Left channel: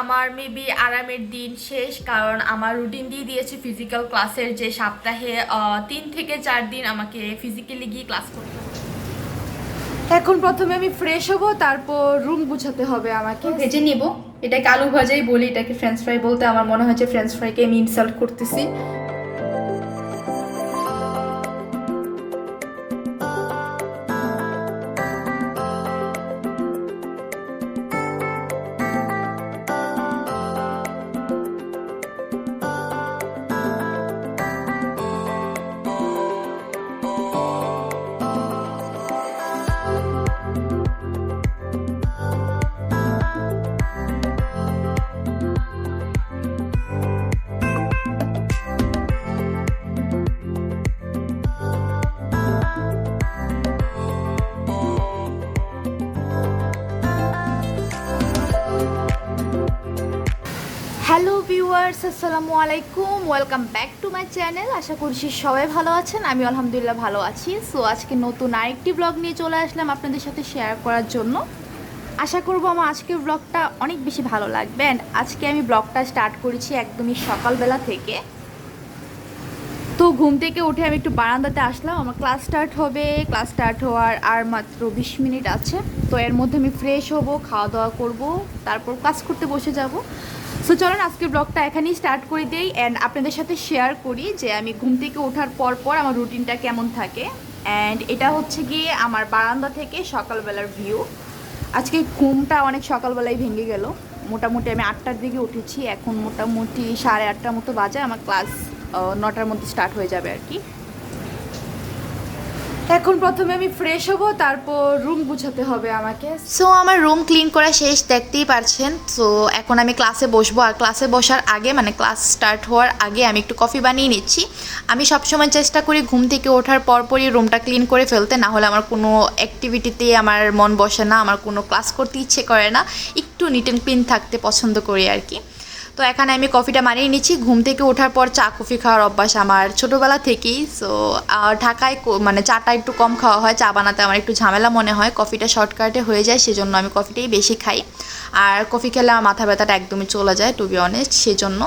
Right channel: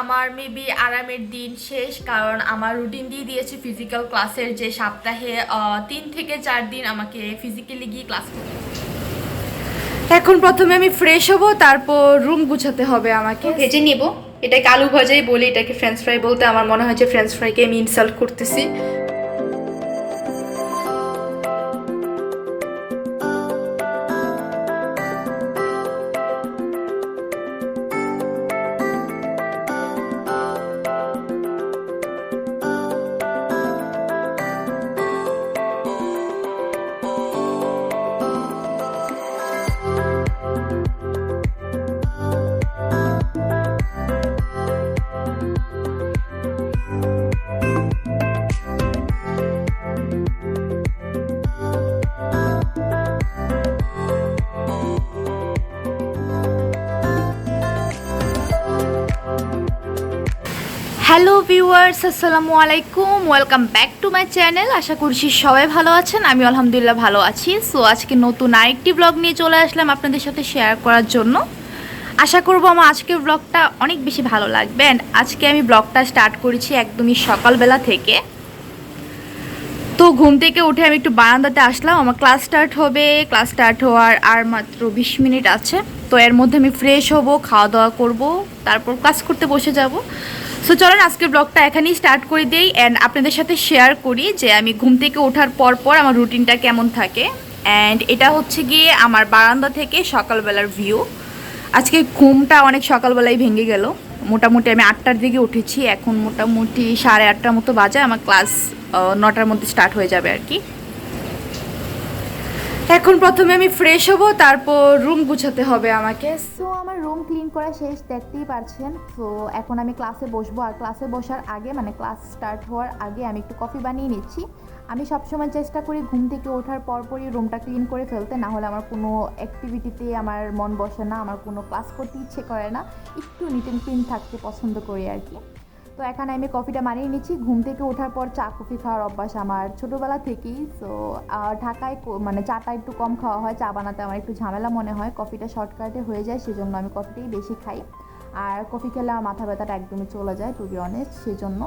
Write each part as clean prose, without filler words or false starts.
আমার মেবি আরামের দিন শেষ, কারণ আমার রুটিন দিয়ে দিয়েছে ফিজিক্যাল ক্লাসের, যে সপ্তাহে 3 থেকে 4 দিন আমাকে ফিজিক্যালি গিয়ে ক্লাস করতে হবে। এখন প্রথমে আমি ফ্রেশ হব, তারপর রুম গুছাতে হবে আমাকে। ভেজে নিব, এটাকে আলু ভাজাই বলি, এটাকে ফ্রেঞ্চ ফ্রাই বলতে আমার মনে হয় যে ফ্রেঞ্চ ফ্রাইকে আমি ইনসাল্ট করতেছি। হ্যালো ভিউয়ার্স, আসসালামু আলাইকুম, welcome back to my channel. আশা করছি সবাই ভালো আছেন, আমি আলহামদুলিল্লাহ ভালো আছি। সো আজকে নতুন আরেকটি ব্লগ নিয়ে চলে আসলাম আপনাদের সাথে শেয়ার করার জন্য। আশা করব আমার আজকের ব্লগটা অনেক বেশি ভালো লাগবে। অ্যান্ড আজকে আমি ব্লগটা স্টার্ট করেছি একদমই সকালবেলা থেকে। তো ঘুম থেকে উঠে আমি একটু বারান্দাতে আসলাম, আমার ক্লাস স্টার্ট হবে। ক্লাস স্টার্ট হওয়ার আর মাত্র 20 মিনিট আছে। তো এর মধ্যে আমি ফ্রেশ হব, খাওয়া দাওয়া করব, তারপর ক্লাস করতে বসে যাব। সো চলেন আজকের ব্লগটা এখানেই স্টার্ট করে দিই অ্যান্ড আপনাদের সাথে শেয়ার করি যে আমি ঘুম থেকে ওঠার পর আমার রুটিনটা কেমন থাকে। অ্যান্ড এটা হচ্ছে গিয়ে আমার বারান্দা থেকে সকালবেলার ভিউ। আজকে ঘুমটা অনেক সকালবেলায় ভেঙে গেল। মোটামুটি আমি 8টার দিকে উঠেছি, এখন মোটামুটি 8:30 মতো বাজে। আমার ক্লাস 9টার মধ্যে স্টার্ট হয়ে যাবে আর কি। এখন প্রথমে আমি ফ্রেশ হব, তারপর রুম গুছাতে হবে আমাকে। সো আমার রুম ক্লিন করা শেষ, দেখতেই পারছেন। সো এখন আমি ক্লাসে বসবো, আর ক্লাসে বসার আগে মানে ক্লাস স্টার্ট হওয়ার আগে আমি একটু কফি বানিয়ে নিচ্ছি। আমি সবসময় চেষ্টা করি ঘুম থেকে ওঠার পরই রুমটা ক্লিন করে ফেলতে, না হলে আমার কোনো অ্যাক্টিভিটিতে আমার মন বসে না, আমার কোনো ক্লাস করতে ইচ্ছে করে না। একটু নিট অ্যান্ড ক্লিন থাকতে পছন্দ করি আর কি। তো এখানে আমি কফিটা বানিয়ে নিচ্ছি। ঘুম থেকে ওঠার পর চা কফি খাওয়ার অভ্যাস আমার ছোটোবেলা থেকেই। সো ঢাকায় মানে চাটা একটু কম খাওয়া হয়, চা বানাতে আমার একটু ঝামেলা মনে হয়, কফিটা শর্টকাটে হয়ে যায়, সেজন্য আমি কফিটাই বেশি খাই। আর কফি খেলে আমার মাথা ব্যথাটা একদমই চলে যায়, টু বি অনেস্ট, সেজন্য।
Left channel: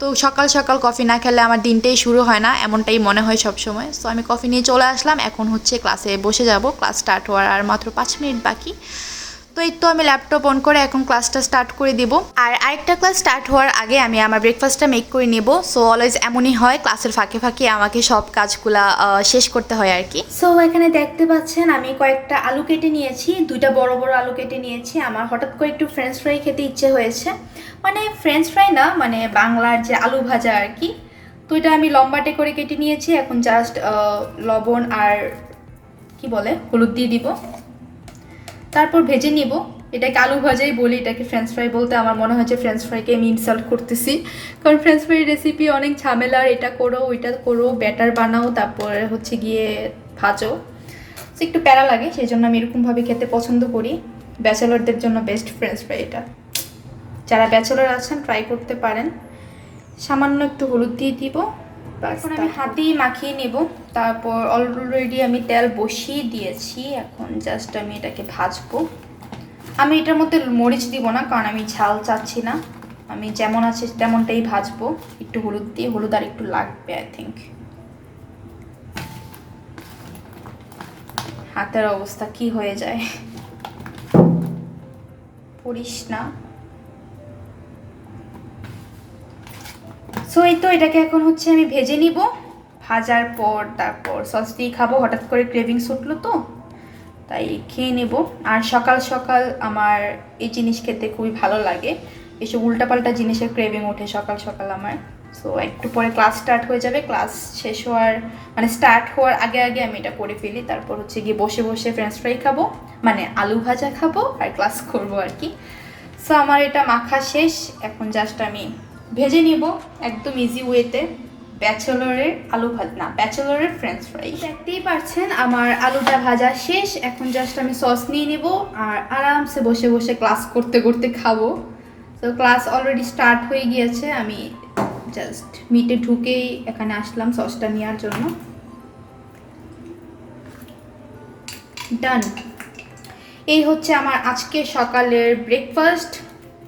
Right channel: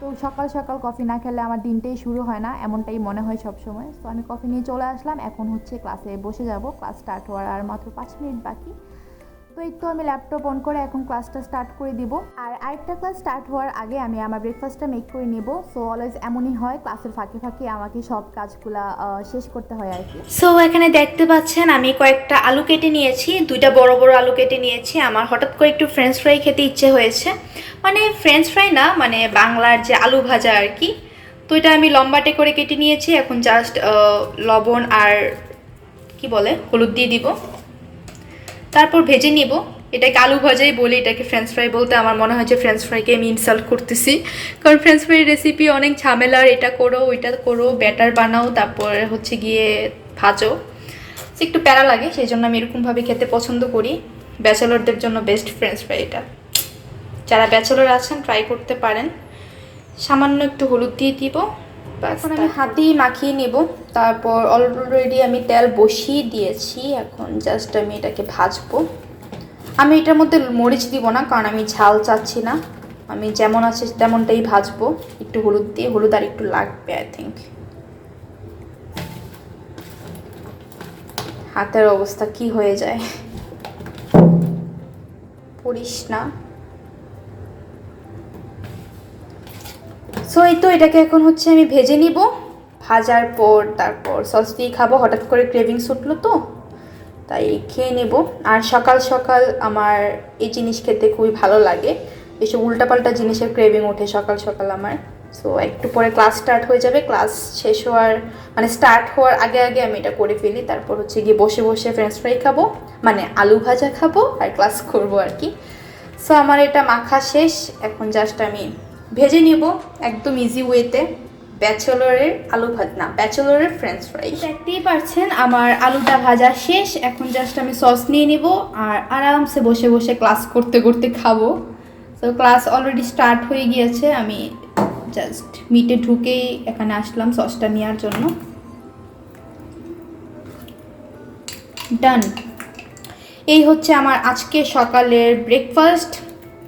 তো সকাল সকাল কফি না খেলে আমার দিনটাই শুরু হয় না, এমনটাই মনে হয় সবসময়। সো আমি কফি নিয়ে চলে আসলাম, এখন হচ্ছে ক্লাসে বসে যাব। ক্লাস স্টার্ট হওয়ার আর মাত্র 5 মিনিট বাকি। তো এই তো আমি ল্যাপটপ অন করে এখন ক্লাসটা স্টার্ট করে দিব। আর আরেকটা ক্লাস স্টার্ট হওয়ার আগে আমি আমার ব্রেকফাস্টটা মেক করে নেব। সো অলওয়েজ এমনই হয়, ক্লাসের ফাঁকে ফাঁকে আমাকে সব কাজগুলা শেষ করতে হয় আর কি। সো এখানে দেখতে পাচ্ছেন আমি কয়েকটা আলু কেটে নিয়েছি, 2টা বড় বড় আলু কেটে নিয়েছি। আমার হঠাৎ করে একটু ফ্রেঞ্চ ফ্রাই খেতে ইচ্ছে হয়েছে, মানে ফ্রেঞ্চ ফ্রাই না, মানে বাংলার যে আলু ভাজা আর কি। তো এটা আমি লম্বাটে করে কেটে নিয়েছি। এখন জাস্ট লবণ আর কি বলে হলুদ দিয়ে দিব, তারপর ভেজে নিব। এটাকে আলু ভাজাই বলি, এটাকে ফ্রেঞ্চ ফ্রাই বলতে আমার মনে হয় যে ফ্রেঞ্চ ফ্রাইকে আমি ইনসাল্ট করতেছি, কারণ ফ্রেঞ্চ ফ্রাই রেসিপি অনেক ঝামেলার। এটা করো, ওইটা করো, ব্যাটার বানাও, তারপর হচ্ছে গিয়ে ভাজো, একটু প্যারা লাগে, সেই জন্য আমি এরকমভাবে খেতে পছন্দ করি। ব্যাচেলরদের জন্য বেস্ট ফ্রেঞ্চ ফ্রাই এটা। যারা ব্যাচেলর আছেন ট্রাই করতে পারেন। সামান্য একটু হলুদ দিয়ে দিব, এখন আমি হাত দিয়ে মাখিয়ে নেব। তারপর অলরেডি আমি তেল বসিয়ে দিয়েছি, এখন জাস্ট আমি এটাকে ভাজবো। আমি এটার মধ্যে মরিচ দিব না, কারণ আমি ঝাল চাচ্ছি না, আমি যেমন আছে তেমনটাই ভাজবো। একটু হলুদ দিয়ে, হলুদ আর একটু লাগবে আই থিঙ্ক। হাতের অবস্থা কি হয়ে যায়, পড়িস না। সো এই তো এটাকে এখন হচ্ছে আমি ভেজে নিব। ভাজার পর তারপর সস দিয়ে খাবো। হঠাৎ করে ক্রেভিংস উঠলো তো, তাই খেয়ে নেব। আর সকাল সকাল আমার এই জিনিস খেতে খুবই ভালো লাগে, এসব উল্টাপাল্টা জিনিসের ক্রেভিং ওঠে সকাল সকাল আমার। সো একটু পরে ক্লাস স্টার্ট হয়ে যাবে, ক্লাস শেষ হওয়ার মানে স্টার্ট হওয়ার আগে আগে আমি এটা করে ফেলি। তারপর হচ্ছে গিয়ে বসে বসে ফ্রেঞ্চ ফ্রাই খাবো, মানে আলু ভাজা খাবো আর ক্লাস করবো আর কি। সো আমার এটা মাখা শেষ, এখন জাস্ট আমি ভেজে নিব একদম ইজি ওয়েতে। ব্যাচেলরের আলু ভাজা না, ব্যাচেলরের ফ্রেঞ্চ ফ্রাই। দেখতেই পাচ্ছেন আমার আলুটা ভাজা শেষ, এখন জাস্ট আমি সস নিয়ে নিব আর আরামসে বসে বসে ক্লাস করতে করতে খাবো। তো ক্লাস অলরেডি স্টার্ট হয়ে গিয়েছে, আমি জাস্ট মিটে ঢুকেই এখানে আসলাম সসটা নেওয়ার জন্য। ডান, এই হচ্ছে আমার আজকে সকালের ব্রেকফাস্ট।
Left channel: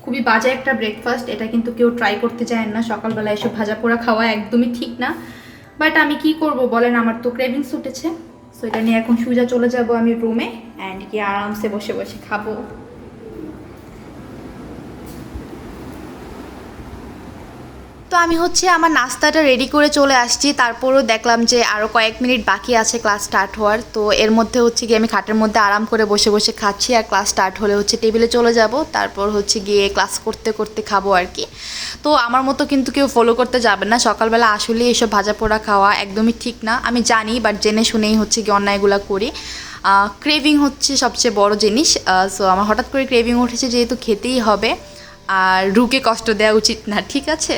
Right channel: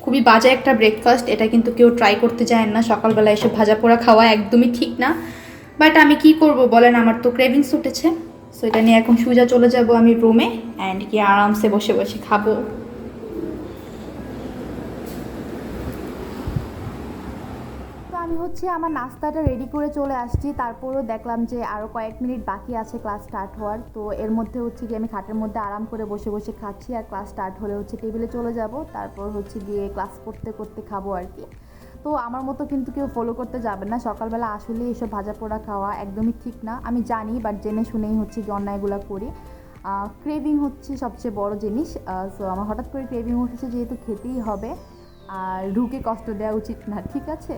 খুবই বাজে একটা ব্রেকফাস্ট, এটা কিন্তু কেউ ট্রাই করতে যায় না। সকালবেলা এসব ভাজা পোড়া খাওয়া একদমই ঠিক না, বাট আমি কি করব বলেন, আমার তো ক্রেভিংস উঠেছে। সো এটা নিয়ে এখন সোজা চলে যাব আমি রুমে অ্যান্ড কি আরামসে বসে বসে খাবো। তো আমি হচ্ছে আমার নাস্তাটা রেডি করে চলে আসছি, তারপরও দেখলাম যে আরও কয়েক মিনিট বাকি আছে ক্লাস স্টার্ট হওয়ার। তো এর মধ্যে হচ্ছে গিয়ে আমি খাটের মধ্যে আরাম করে বসে বসে খাচ্ছি, আর ক্লাস স্টার্ট হলে হচ্ছে টেবিলে চলে যাব, তারপর হচ্ছে গিয়ে ক্লাস করতে করতে খাবো আর কি। তো আমার মতো কিন্তু কেউ ফলো করতে যাবে না, সকালবেলা আসলে এসব ভাজা পোড়া খাওয়া একদমই ঠিক না। আমি জানি, বাট জেনে শুনেই হচ্ছে গিয়ে অন্যায়গুলো করি। ক্রেভিং হচ্ছে সবচেয়ে বড় জিনিস। সো আমার হঠাৎ করে ক্রেভিং উঠেছে, যেহেতু খেতেই হবে, আর রুকে কষ্ট দেওয়া উচিত না, ঠিক আছে?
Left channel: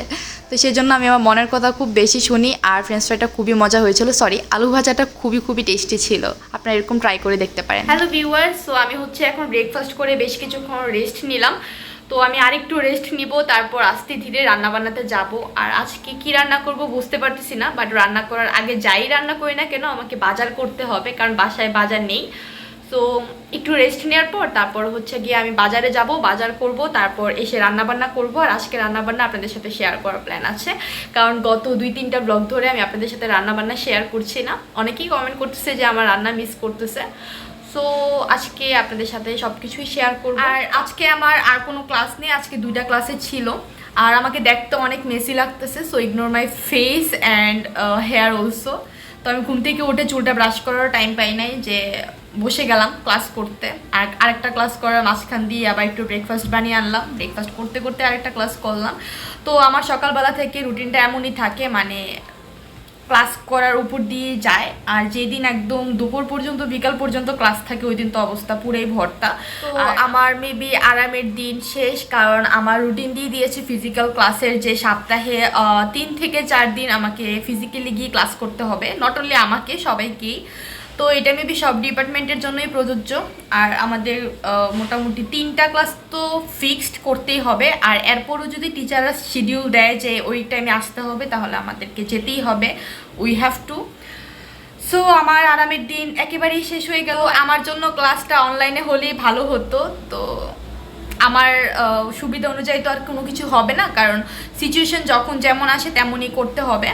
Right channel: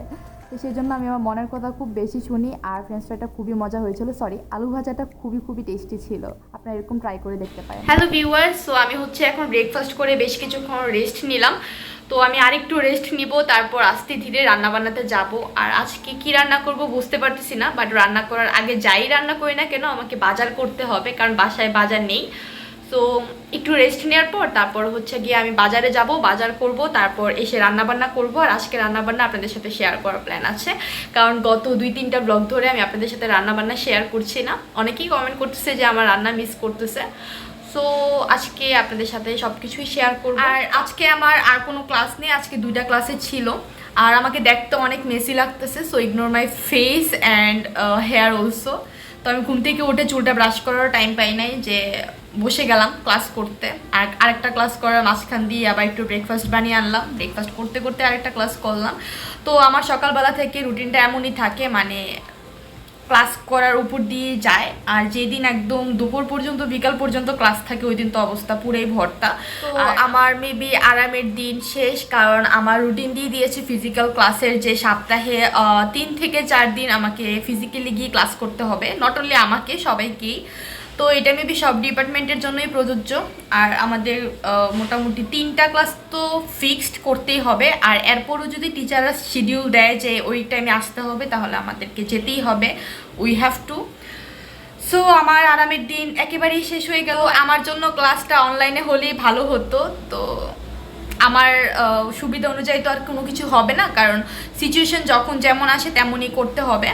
তো সেই জন্য আমি আমার মনের কথা খুব বেশি শুনি। আর ফ্রেঞ্চ ফ্রাইটা খুবই মজা হয়েছিল, সরি আলু ভাজাটা খুবই খুবই টেস্টি ছিল। আপনারা এরকম ট্রাই করে দেখতে পারেন। হ্যালো ভিউয়ার্স, সো আমি হচ্ছে এখন ব্রেকফাস্ট করে বেশ কিছুক্ষণ রেস্ট নিলাম। তো আমি আরেকটু রেস্ট নিব, তারপর আস্তে ধীরে রান্না বান্নাতে যাব। আর আজকে কি রান্না করব বুঝতে পারতেছি না, বাট রান্না করার আগে যাই রান্না করি না কেন আমাকে বাজার করতে হবে, কারণ বাসায় বাজার নেই। সো একটু রেস্ট নেওয়ার পর তারপর হচ্ছে গিয়ে আমি বাজারে যাব, বাজার করব, তারপর এসে রান্নাবান্না করব। আর আজকে রান্নাবান্না আপনাদের সাথে শেয়ার করার প্ল্যান আছে, কারণ গত 2-3টা ব্লগ ধরে আমি আপনাদের সাথে রান্নাবান্না শেয়ার করছি না। অনেকেই কমেন্ট করতেছে যে আমার রান্না মিস করতেছে। সো আজকে আপনাদের সাথে সব কিছুই শেয়ার করব। আর আজকে আমার আর কোনো ক্লাস নেই, আজকে 2টা ক্লাসে ছিল। আর আমাকে দেখতে অনেক মেসি লাগতেছে, so ignore my face and here also. তো আমি ঘুম থেকে উঠে চুলটা ব্রাশ করার টাইম পাই নাই, যে বসে গেলাম ক্লাস করতে। আর আরেকটা ক্লাস করার মাঝখান দিয়ে আবার একটু ব্রেকফাস্ট বানিয়ে আনলাম, ব্রেকফাস্ট করতে করতে আরেকটা ক্লাস করলাম। তো আমার সকালবেলা থেকে রুটিনটা এমনই থাকে, মানে ক্লাস করার উপর দিয়ে যায়। আর যেদিন একদম দুপুর পর্যন্ত বিকাল পর্যন্ত ক্লাস থাকে ওই দিন তো অবস্থা পুরোই ভর্তা। তো আমার মেবি আরামের দিন শেষ, কারণ আমার রুটিন দিয়ে দিয়েছে ফিজিক্যাল ক্লাসের, যে সপ্তাহে 3 থেকে 4 দিন আমাকে ফিজিক্যালি গিয়ে ক্লাস করতে হবে। নট অনলি আমাকে, সবাইকেই। তো এটা মেবি সব ডিপার্টমেন্টের জন্যই প্রযোজ্য। আর আমাদের মোটামুটি 3টা ক্লাস তো ফিক্সড করতেই হবে। আর এরপরও যদি টিচাররা শিডিউল দেয় যে ওই টাইমে আসতে হবে, তাহলে আমাদেরকে যেতেই হবে, উই হ্যাভ টু। সো আমার আরামের দিন একেবারেই শেষ হয়ে গেল। আমার জন্য ক্লাসটা অনলাইনে হলেই ভালো হতো। তো আমার সুবিধা অনুযায়ী তো আর কোনো কিছু হবে না, কারণ সিচুয়েশন যখন যেমন আসে তেমনই করতে হবে।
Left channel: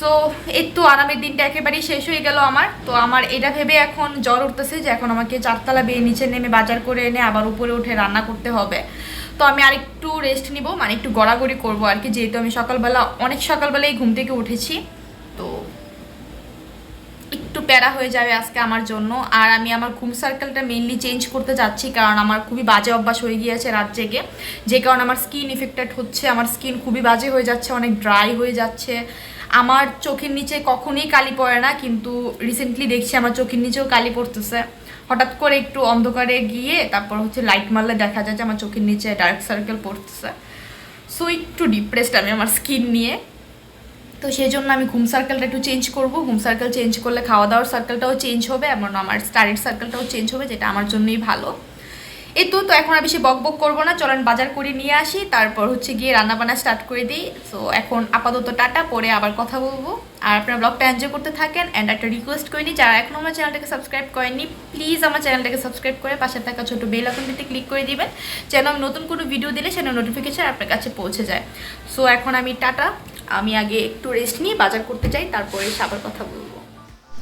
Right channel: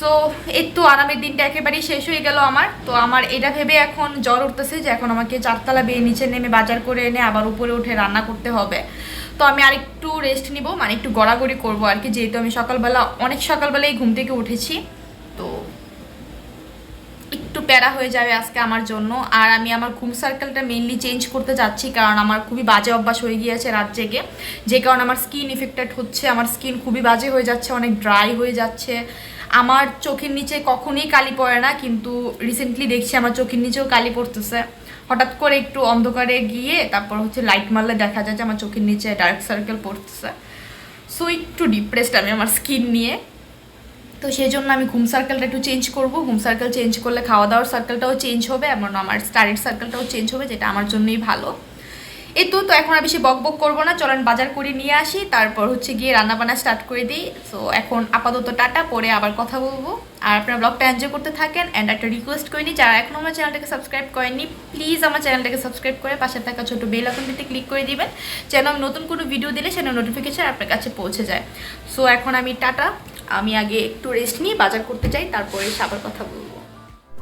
সো এই তো আরামের দিনটা একেবারেই শেষ হয়ে গেল আমার। তো আমার এটা ভেবে এখন জ্বর উঠতেছে যে এখন আমাকে 4তলা বেয়ে নিচে নেমে বাজার করে এনে আবার উপরে উঠে রান্না করতে হবে। তো আমি আরেকটু রেস্ট নিব, মানে একটু গড়াগড়ি করবো আর কি, যেহেতু আমি অনেক সকালবেলায় ঘুম থেকে উঠেছি। তো একটু প্যারা হয়ে যাবে আজকে আমার জন্য। আর আমি আমার ঘুম সার্কেলটা মেইনলি চেঞ্জ করতে যাচ্ছি, কারণ আমার খুবই বাজে অভ্যাস হয়ে গিয়েছে রাত জেগে, যে কারণে আমার স্কিন ইফেক্টেড হচ্ছে। আমার স্কিন খুবই বাজে হয়ে যাচ্ছে, অনেক ড্রাই হয়ে যাচ্ছে। আমার চোখের নিচে কখনোই কালি পড়ে না, কিন্তু রিসেন্টলি দেখছি আমার চোখের নিচেও কালি পড়তেছে। হঠাৎ করে একটু অন্ধকারে গিয়ে তারপর হচ্ছে লাইট মারলে দেখা যায় যে আমার চোখের নিচে ডার্ক সার্কেল পড়তেছে। সো একটু ডিপ্রেসড আমি আমার স্কিন নিয়ে। তো সেই জন্য আমি ঘুম সার্কেলটা একটু চেঞ্জ করব। ঘুম সার্কেল চেঞ্জ করলে খাওয়া দাওয়ার সার্কেলটাও চেঞ্জ হবে, এমন আমার স্টাডির সার্কেলটাও চেঞ্জ হবে, যেটা আমার জন্যই ভালো। এই তো এখন আর বেশি বক বক করবো না, চলেন বাজার করে নিয়ে আসি, তারপর হচ্ছে গিয়ে রান্নাবান্না স্টার্ট করে দিই। সো এখন আপাতত টাটা, পরে আবার কথা বলবো। আর আপনারা ব্লগটা এনজয় করতে থাকেন। অ্যান্ড একটা রিকোয়েস্ট করে নিই, যারা এখনও আমার চ্যানেলটাকে সাবস্ক্রাইব করেননি, প্লিজ আমার চ্যানেলটাকে সাবস্ক্রাইব করে পাশে থাকা ছোটো বেল আইকনটিতে ক্লিক করে দিবেন, যেন আমি নতুন কোনো ভিডিও দিলে সেটা নোটিফিকেশন আপনার কাছে পৌঁছে যায়। সো এখন আমি টাটা, আমি আগে একটু রেস্ট নিয়ে বাজার করতে যাই, তারপরে আবার কথা বলবো।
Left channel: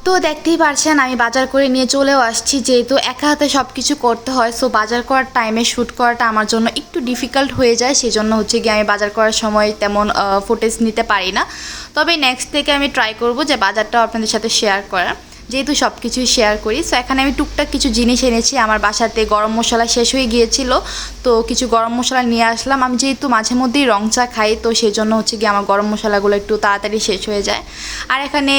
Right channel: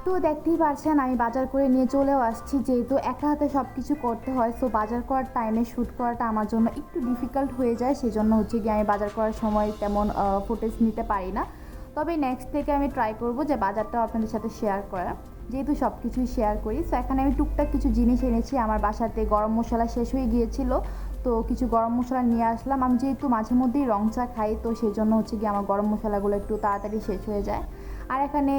তো দেখতেই পারছেন আমি বাজার করে নিয়ে চলেও আসছি, যেহেতু একা হাতে সব কিছু করতে হয়। সো বাজার করার টাইমে শ্যুট করাটা আমার জন্য একটু ডিফিকাল্ট হয়ে যায়, সেই জন্য হচ্ছে গিয়ে আমি বাজার করার সময় তেমন ফুটেজ নিতে পারি না। তবে নেক্সট থেকে আমি ট্রাই করব যে বাজারটাও আপনাদের সাথে শেয়ার করার, যেহেতু সব কিছুই শেয়ার করি। সো এখানে আমি টুকটাক কিছু জিনিস এনেছি, আমার বাসাতে গরম মশলা শেষ হয়ে গিয়েছিল, তো কিছু গরম মশলা নিয়ে আসলাম। আমি যেহেতু মাঝে মধ্যেই রং চা খাই, তো সেই জন্য হচ্ছে গিয়ে আমার গরম মশলাগুলো একটু তাড়াতাড়ি শেষ হয়ে যায়। আর এখানে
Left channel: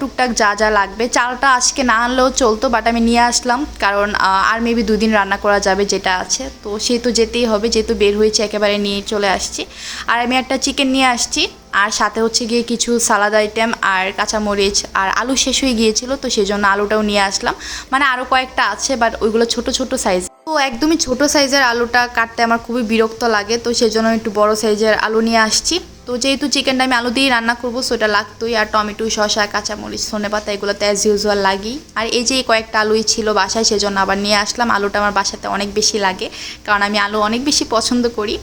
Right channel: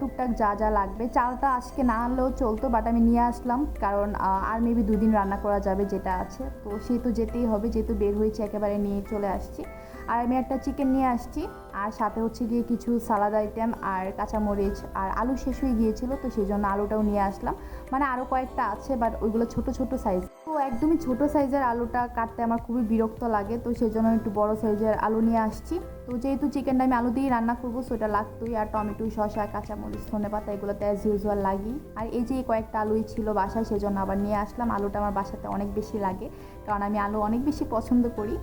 টুকটাক যা যা লাগবে, চালটা আজকে না আনলেও চলতো, বাট আমি নিয়ে আসলাম, কারণ আর মেবি 2 দিন রান্না করা যাবে যেটা আছে, তো সেই তো যেতেই হবে, যেহেতু বের হয়েছে একেবারে নিয়ে চলে আসছি। আর আমি একটা চিকেন নিয়ে আসছি, আর সাথে হচ্ছে গিয়ে কিছু সালাদ আইটেম আর কাঁচামরিচ আর আলু শেষ হয়ে গিয়েছিল, তো সেই জন্য আলুটাও নিয়ে আসলাম। মানে আরও কয়েকটা আছে, বাট ওইগুলো ছোট ছোট সাইজ। তো তো একদমই ছোট সাইজের আলুটা কাটতে আমার খুবই বিরক্ত লাগে, তো সেজন্য একটু বড় সাইজের আলু নিয়ে আসছি। তো যেহেতু চিকেনটা আমি আলু দিয়েই রান্না করবো, সো এটা লাগতোই। আর টমেটো, শসা, কাঁচামরিচ, ধনেপাতা এগুলো তো অ্যাজ ইউজুয়াল লাগেই। আর এই যে কয়েকটা আলুই ছিল বাসায়, সেজন্য আবার নিয়ে আসলাম। আলুটা আমার বাসাতে অনেক বেশি লাগে, কারণ আমি আলু অনেক বেশি পছন্দ করি।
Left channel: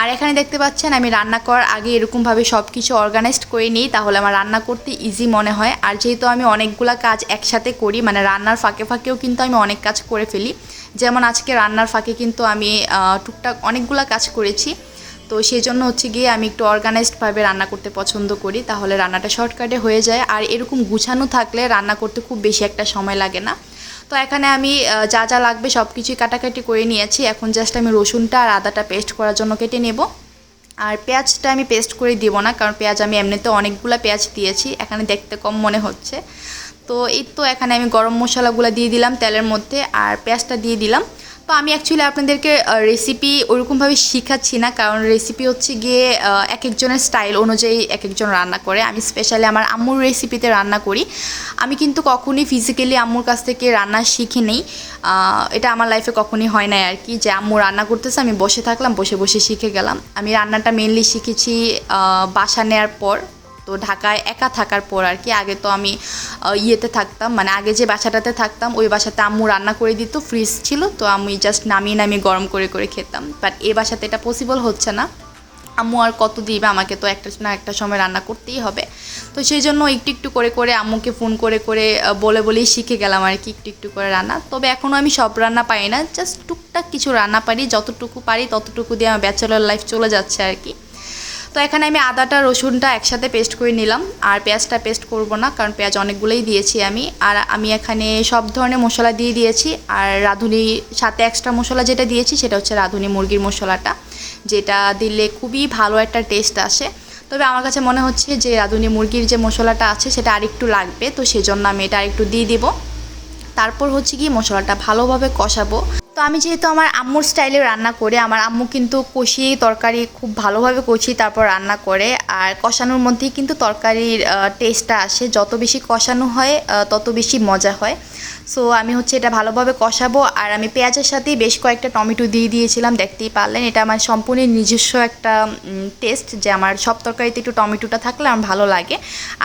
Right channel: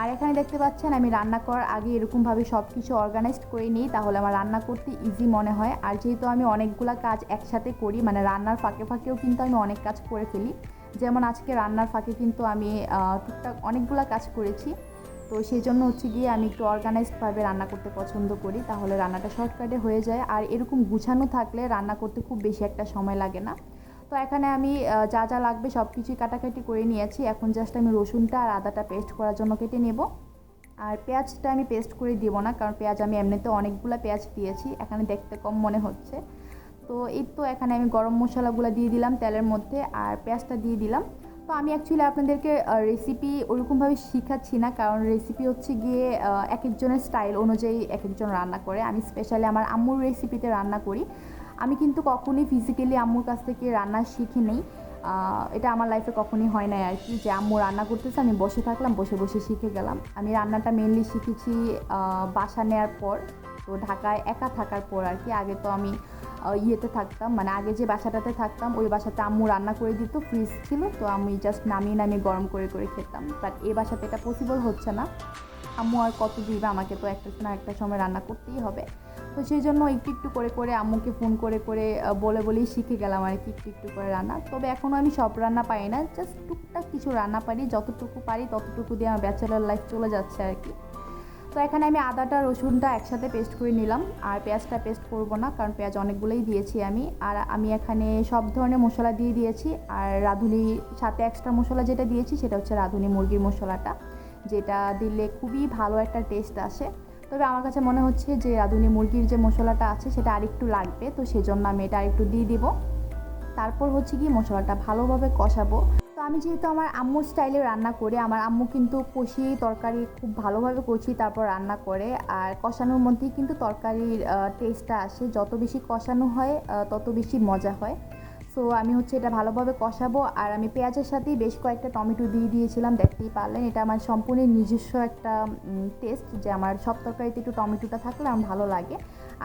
আর এখানে দেখতে পাচ্ছেন আমি রান্না করার আগে এরকমভাবে সব কিছু অর্গানাইজড করে নিই, তাহলে আমার রান্না করতে ইজি মনে হয়। আর যেহেতু আমি অনেকগুলো কাজ একসাথে করি, মানে রান্নার ফাঁকে ফাঁকেও কিন্তু আমি অনেক কাজ করে ফেলি। যেমন আজকে রান্নার ফাঁকে কিন্তু আমি টুকটাক অনেকগুলো কাজ করেছি। তো সেই জন্য হচ্ছে গিয়ে আমি একটু অর্গানাইজডভাবে রান্না করতে পছন্দ করি, তাহলে রান্নাটা শর্টকাটে হয়ে যায়। আর এরকম গুছানো থাকলে রান্না করতে খুব বেশি একটা সময় লাগে না। তো এখানে আমি যা যা লাগবে সব কিছুই কাটাকাটি করে নিয়েছি। এখন জাস্ট আমি রসুনটা আর আদাটা পেস্ট করার জন্য কেটে নেব। আর পেঁয়াজটা আমি পেস্ট করে দিব না, কারণ পেঁয়াজ আমি এমনিতে অনেকগুলো পেঁয়াজ দিয়েছি, এখানে দেখতে কম মনে হচ্ছে। তো এই তো এখানে আমি গরম মশলাগুলো দিয়ে দিলাম তেলের মধ্যে, আর পেঁয়াজটা দিয়ে দিলাম। তো আমি অ্যাকচুয়ালি আপনাদেরকে রেসিপি ওরকমভাবে শেখাচ্ছি না, কারণ রেসিপি হচ্ছে গিয়ে এক একজনের স্টাইল অনুযায়ী এক একজন রান্না করে। আমি স্পেশালি আমার আম্মুর রেসিপিতে রান্না করি। আমি কিন্তু কখনই ফিজিক্যালি আম্মুর কাছ থেকে রান্না শিখি নেই। এটা আমার লাইফে কখনই হয় না আর কি, যে আম্মু রান্না করতেছে আমি বসে থাকলাম, বসে বসে শিখে গেলাম। আমি রান্নাটা মেনলি শিখেছি বাসা নেওয়ার পর, তো ঢাকায় একা থাকার পর আর কি। আগে তো আমি ইয়েতে থাকতাম, মানে আগে যে বাসাটাতে থাকতাম ওই বাসাতে আম্মু রান্না করে দিত, ফ্রিজ ছিল, তো আমি জাস্ট নামিয়ে গরম করে করে খেতাম। বাট এই বাসাতে এটা পসিবল হচ্ছে না, আম্মু আর কত দিবে আমাকে, তো একটা না একটা সময় রান্না করতেই হবে। তো সেই জন্য একটু একটু করে করে আম্মুকে ফোন করে করে বলেই শিখে গেলাম আর কি, একটু একটু করে রান্না। তবে এখনও আমি সব রান্না পারি না, জাস্ট টুকটাক কিছু রান্না পারি, যতটুকু পারি ততটুকু দিয়ে আমার ব্যাচেলর লাইফ চলে যাচ্ছে আর কি। তো এখানে আমি আদাটা রসুনটা একসাথে পেস্ট করে নিলাম, আর পেঁয়াজটা পেস্ট করব না, কারণ পেঁয়াজ অনেকগুলোই দিয়েছি আমি। আর আমি এখানে সব ধরনের মশলা দিয়ে দিয়েছি। আর রাঁধুনি সাথে এক্সট্রা মশলা যেটা দিয়েছি সেটা হচ্ছে রাঁধুনি মুরগির মশলাটা, যেটা দিলে খুবই ভালো একটা টেস্ট আসে। তবে আমার কাছে মনে হচ্ছে যে রাঁধুনি মুরগির যে মশলাটা আছে সেটা আরেকটু লাগবে, তো সেজন্য আমি এটা আরেকটু দিয়ে দিব। তারপর হচ্ছে কি মশলাটা ভালোভাবে কষাবো। তো আমি যেহেতু আমার আম্মুর স্টাইলে রান্না করে, আমার আম্মু কিন্তু কষিয়ে তরকারি খুব ভালোভাবে কষিয়ে তারপর রান্না করে। আর কষানোর মধ্যেই কিন্তু তরকারির টেস্টটা আসে, যত বেশি কষানো হয় তত বেশি মজা হয়। সো আমি হচ্ছে এটা ভালোভাবে কষাবো। আর আমি পেঁয়াজের সাথেই বেশ কয়েকটা টমেটো দিয়ে দিয়েছিলাম, দেখতেই পারলেন। এটা আমার সম্পূর্ণ নিজস্ব একটা টেস্ট, যে আমার সব তরকারিতে একটু টমেটোটা থাকলে আমার ভালো লাগে।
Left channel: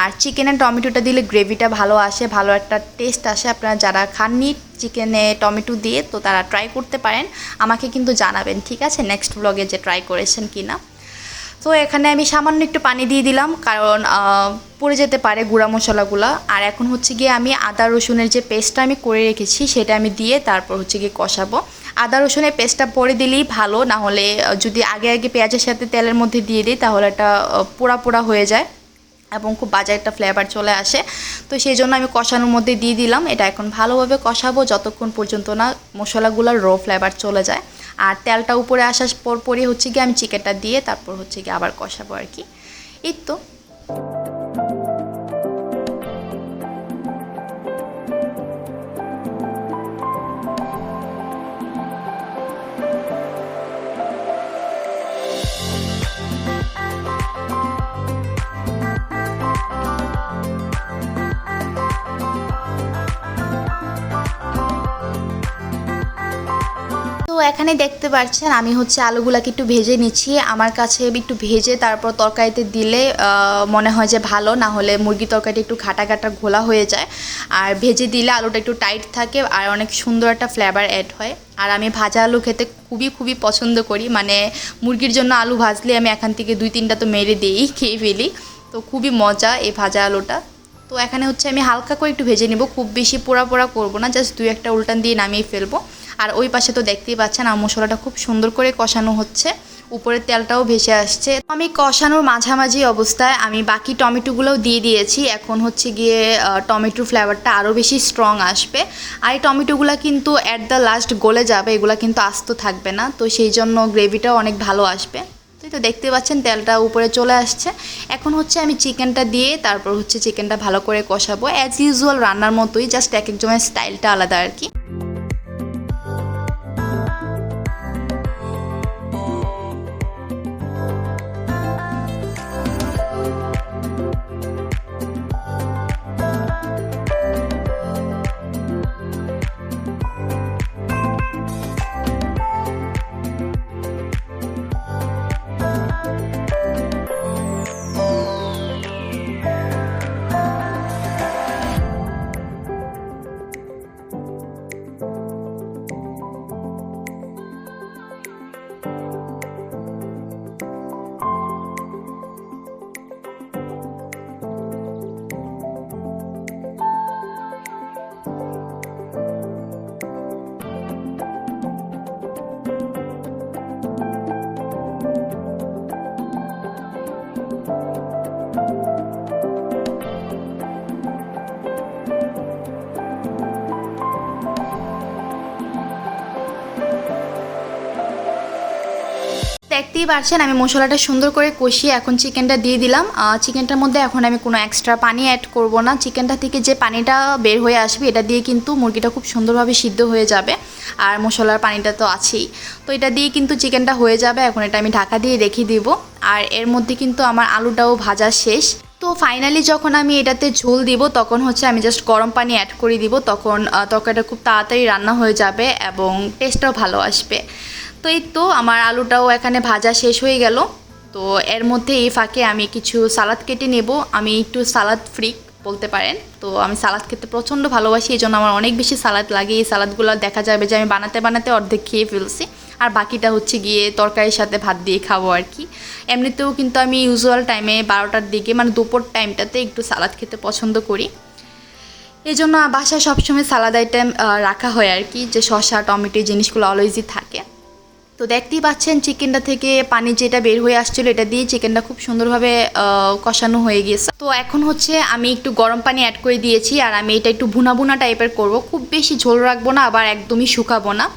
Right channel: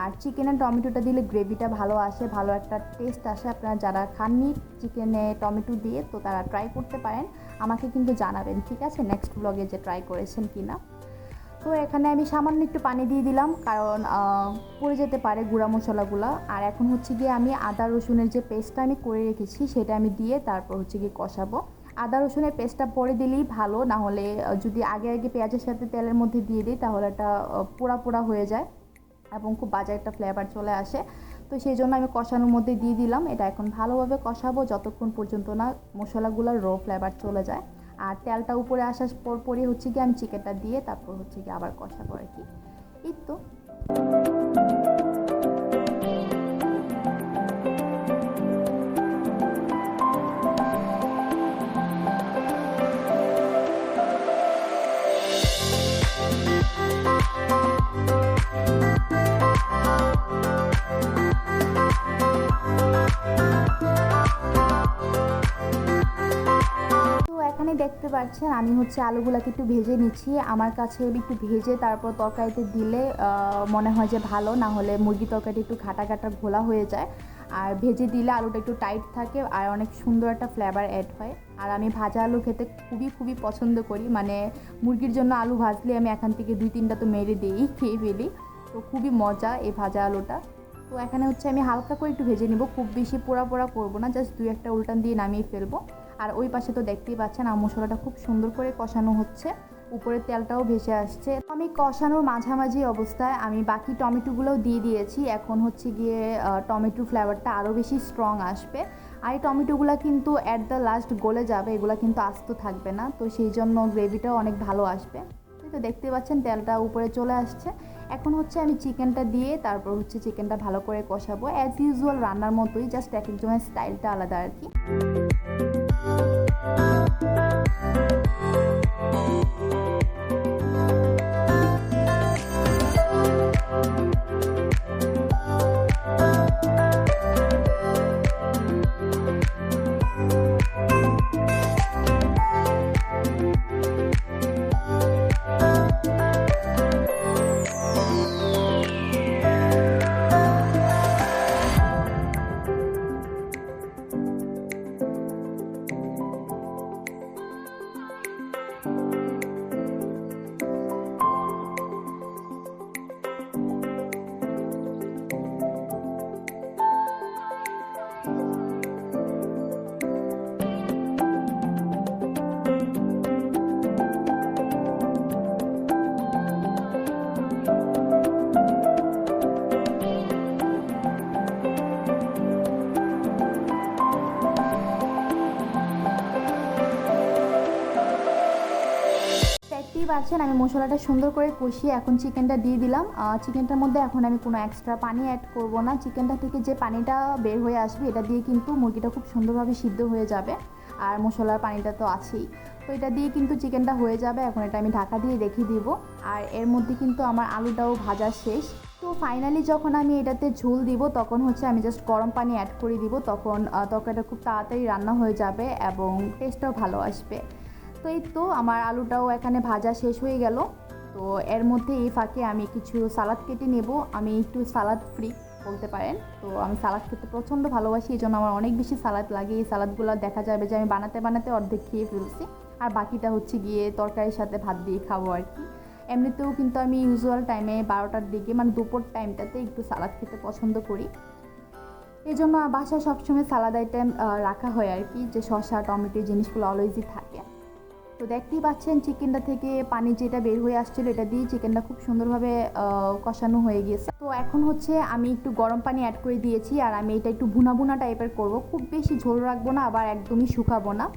আর চিকেনে টমেটোটা দিলে গ্রেভিটা ভালো আসে, ভালো একটা টেস্ট আসে। আপনারা যারা খাননি চিকেনে টমেটো দিয়ে, তো তারা ট্রাই করতে পারেন, আমাকে কিন্তু জানাবেন, ঠিক আছে, নেক্সট ব্লগে যে ট্রাই করেছেন কি না। তো এখানে আমি সামান্য একটু পানি দিয়ে দিলাম, কারণ পড়ে যেতে পারে গুঁড়া মশলাগুলো। আর এখন হচ্ছে গিয়ে আমি আদা রসুনের যে পেস্টটা আমি করে রেখেছি সেটা আমি দিয়ে তারপর হচ্ছে গিয়ে কষাবো। আদা রসুনের পেস্টটা পরে দিলেই ভালো, না হলে যদি আগে আগে পেঁয়াজের সাথে তেলের মধ্যে দিয়ে দিই তাহলে এটা পোড়া পোড়া হয়ে যায় এবং খুব বাজে একটা ফ্লেভার চলে আসে। তো সেই জন্য আমি কষানোর মধ্যে দিয়ে দিলাম। এটা এখন ভালোভাবে কষাবো যতক্ষণ পর্যন্ত না মশলাগুলোর র ফ্লেভার চলে যায়। আর তেলটা উপরে আসার পরই হচ্ছে গিয়ে আমি চিকেনটা দিয়ে তারপর হচ্ছে গিয়ে আবার কষাবো আর কি। এই তো। এখানে দেখতে পাচ্ছেন আমি হচ্ছে আলুগুলাকে একটু ভেজে নিচ্ছি। আমার কাছে একটু ভেজে তারপর তরকারিতে দিলে মনে হয় যে ভালো, না হলে মুরগি তরকারিটা একটু ঘাটা ঘাটা ঘোলা হয়ে যায়। আর ভেজে দিলে আলুটা একটু টাইট থাকে আর অনেক সুন্দর একটা ফ্লেভার অ্যাড হয়। আর আমি ভাজা আলু খেতে খুবই পছন্দ করি, মানে মুরগির জন্য আলু ভাজলে আমি এখান থেকে 2-3টা তো মেরে দিয়েই খেয়ে ফেলি। তো খুবই মজা এই ভাজা আলুটা। তো এখানে হচ্ছে আমি হালকা করে একটু ভেজে নিব, খুব বেশি পোড়া পোড়া করবো না, জাস্ট 2-1টা উল্টান দিয়ে নামিয়ে ফেলবো। আর ওই পাশে তো দেখতেই পাচ্ছেন আর মশলাটা খুব সুন্দর করে কষানো হচ্ছে, উপরের তেলটাও ভেসে আসছে। আমি কষানোর মাঝামাঝি অবস্থায় আমি বাকি টমেটোগুলোও দিয়ে দিয়েছি। এখন হচ্ছে গিয়ে টমেটোর ফ্লেভারটা আরও বেশি স্ট্রং আসবে। আর এই টমেটোগুলো কিন্তু অ্যাট দ্য লাস্ট গলে যাবে, এগুলো কিন্তু আস্ত থাকবে না, তো সেই জন্য গ্রেভিটাও অনেক ভালো আসবে। তো দেখতে পাচ্ছেন তেলটা উপরে চলে আসছে। এখন হচ্ছে আমি চিকেনটা দিয়ে তারপর হচ্ছে চিকেনটা ভালো করে কষাবো, অ্যাজ ইউজুয়াল রান্নার মতোই, জাস্ট এক একজনের স্টাইলটা আলাদা আর কি। দেখতেই পারছেন আমি মশলাটা সুন্দর করে কষিয়ে এখন চিকেনটা দিয়ে দিলাম। চিকেনটার মধ্যে এখন আমি কোনো এক্সট্রা পানি অ্যাড করব না। চিকেনটা থেকে যে পানিটা বের হয়ে আসবে এটা দিয়ে কিন্তু মুরগিটা খুব সুন্দরভাবে সিদ্ধ হয়ে যাবে, আর মশলার পানিটা তো আছেই। তো এটা দিয়ে কিন্তু চিকেনটা হয়ে যাবে। এখন এটা আমি ঢাকা দিয়ে রেখে দিব। আর এর মধ্যে কিন্তু আমার আলুটাও ভাজা শেষ। তো ফাইনালি যখন আমি এটাতে ঝোল দিব তখন হচ্ছে আমি জাস্ট গরম পানি অ্যাড করে দিব, তখন তরকারিটা খুব তাড়াতাড়ি রান্না হয়ে যাবে এবং টেস্টটাও ভালো আসবে। তো এই তো আমার আলুটাও এখানে ভাজা শেষ হয়ে গেল। তো এর মধ্যে এই ফাঁকে আমি কিছু সালাদ কেটে নেব। আমি একটু সালাদ ফ্রিক বলতে পারেন, তো আমি সালাদ খেতে প্রচণ্ড ভালোবাসি, এই জন্য আমার অনেক বেশি সালাদ লাগে। এই সালাদগুলো দেখা যাবে যে আমি বানাতে বানাতে অর্ধেক খেয়ে ফেলছি, আর বাকিটা হচ্ছে গিয়ে তরকারির সাথে ভাত দিয়ে খাবো আর কি। এমনিতেও কিন্তু আমি ইউজুয়াল টাইমে 12টার দিকে মানে দুপুর টাইমটাতে একটু সালাদ খেতে পছন্দ করি। এই জন্য বাসায় সবসময় সালাদ আইটেম রাখা হয় আর কি, যে শসা টমেটো জিনিসগুলো অলওয়েজই থাকে। তো দেখতেই পাচ্ছেন চিকেনটা থেকে পানি যেটা বের হয়ে আসছিলো এটা দিয়ে চিকেনটা খুব সুন্দরভাবে কষানো হয়ে গিয়েছে। তো এখন হচ্ছে আমি একটু গরম পানি অ্যাড করে দিয়েছি, আর আমি এটা একটু ভুনা ভুনা টাইপের করব, খুব বেশি ঝোল রাখবো না আবার একদমই শুকাবো না।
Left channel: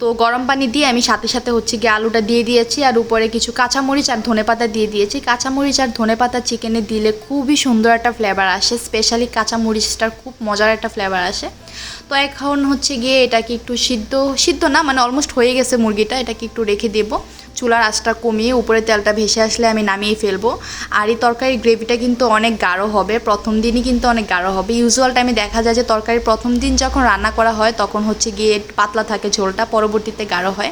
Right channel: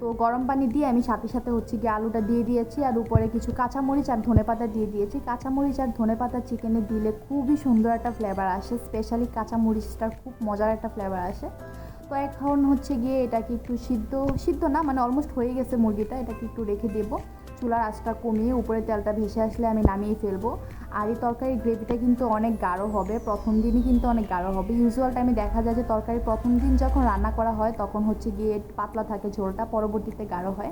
তো গরম পানি দিয়ে আমি সাথে সাথে হচ্ছে গিয়ে আলুটা দিয়ে দিয়েছি, আর উপরে কিছু কাঁচামরিচ আর ধনেপাতা দিয়ে দিয়েছি। কাঁচামরিচ আর ধনেপাতা চিকেনে দিলে খুবই সুন্দর একটা ফ্লেভার আসে, স্পেশালি কাঁচামরিচটার খুব মজার একটা ফ্লেভার আসে। তো এখন হচ্ছে গিয়ে এটাকে একটু সিদ্ধ না মানে অলমোস্ট হয়ে গেছে মুরগিটা, এটাকে একটু রেখে দেবো। চুলার আঁচটা কমিয়ে উপরে তেলটা ভেসে আসলে আমি নামিয়ে ফেলবো। আর এই তরকারির গ্রেভিটা কিন্তু অনেক গাঢ় হবে, প্রথম দিনই কিন্তু অনেক গাঢ় হবে। ইউজুয়াল টাইমে দেখা যায় যে তরকারি প্রথম দিন যখন রান্না করা হয় তখন হচ্ছে গিয়ে পাতলা থাকে ঝোলটা, পরবর্তীতে গাঢ় হয়।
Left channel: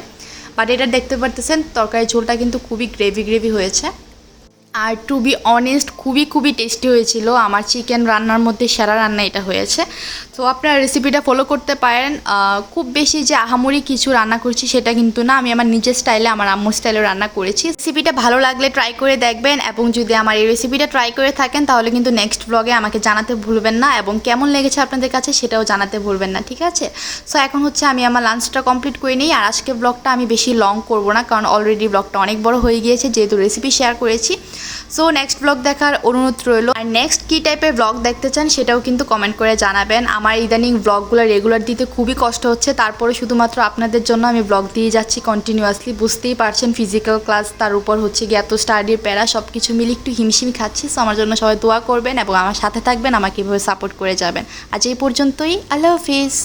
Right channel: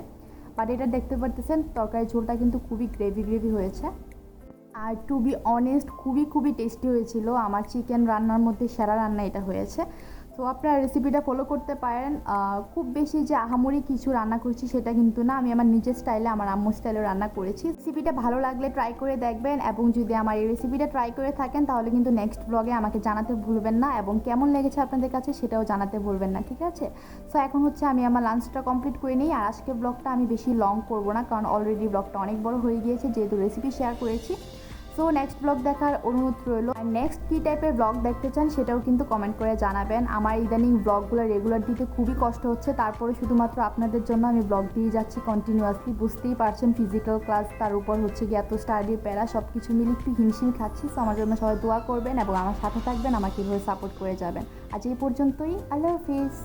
বাট এটা দেখতে পারতেছেন তরকারির ঝোলটা কিন্তু খুবই গ্রেভি হয়েছে। আর টু বি অনেস্ট খুবই টেস্টি হয়েছিল। আমার চিকেন রান্নার মধ্যে সেরা রান্না এটা হয়েছে। তো আপনারা রেসিপিটা ফলো করতে পারেন। খুব বেশি যে আহামরি কিছু রান্না করছি সেটা কিন্তু না, আমি আমার নিজের স্টাইলে আমার আম্মুর স্টাইলে রান্না করেছি। রেসিপিটা ভালো লাগলে ট্রাই করে দেখবেন, এবং যদি আমার এই রেসিপিটা ট্রাই করে থাকেন তাহলে কিন্তু নেক্সট ব্লগে আমাকে জানাতে ভুলবেন না, এবং কেমন লেগেছে আপনাদের কাছে সেটাও জানাতে ভুলবেন না, ঠিক আছে? সো এখন হচ্ছে আমি আমার লাঞ্চটা কমপ্লিট করে নিই। আর আজকে ব্লগটা আমি বেশি লং করব না, কারণ অলরেডি ব্লগটা অনেক বড় হয়ে গিয়েছে যেহেতু রেসিপি শেয়ার করেছি। সো নেক্সট ব্লগ দেখার অনুরোধ রইল। আর নেক্সট কী টাইপের ব্লগ দেখতে চান সেটাও কিন্তু কমেন্ট করে জানাবেন। আমার ইদানিং ব্লগগুলো রেগুলার দিতে খুবই কষ্ট হচ্ছে, তারপরে শুধুমাত্র আপনাদের জন্য আমি ব্লগ দিয়ে যাচ্ছি কন্টিনিউয়াসলি। বুঝতেই পারছেন ফিজিক্যাল ক্লাস, তার উপর হচ্ছে গিয়ে এত স্টাডির প্যারা, সব কিছু মিলে একটু হিমশিম খাচ্ছি। সো আমার জন্য সবাই দোয়া করবেন এবং আমার সাথে থাকবেন, আমাকে এভাবে সাপোর্ট করে যাবেন। আজ এই পর্যন্তই, আল্লাহ হাফিজ।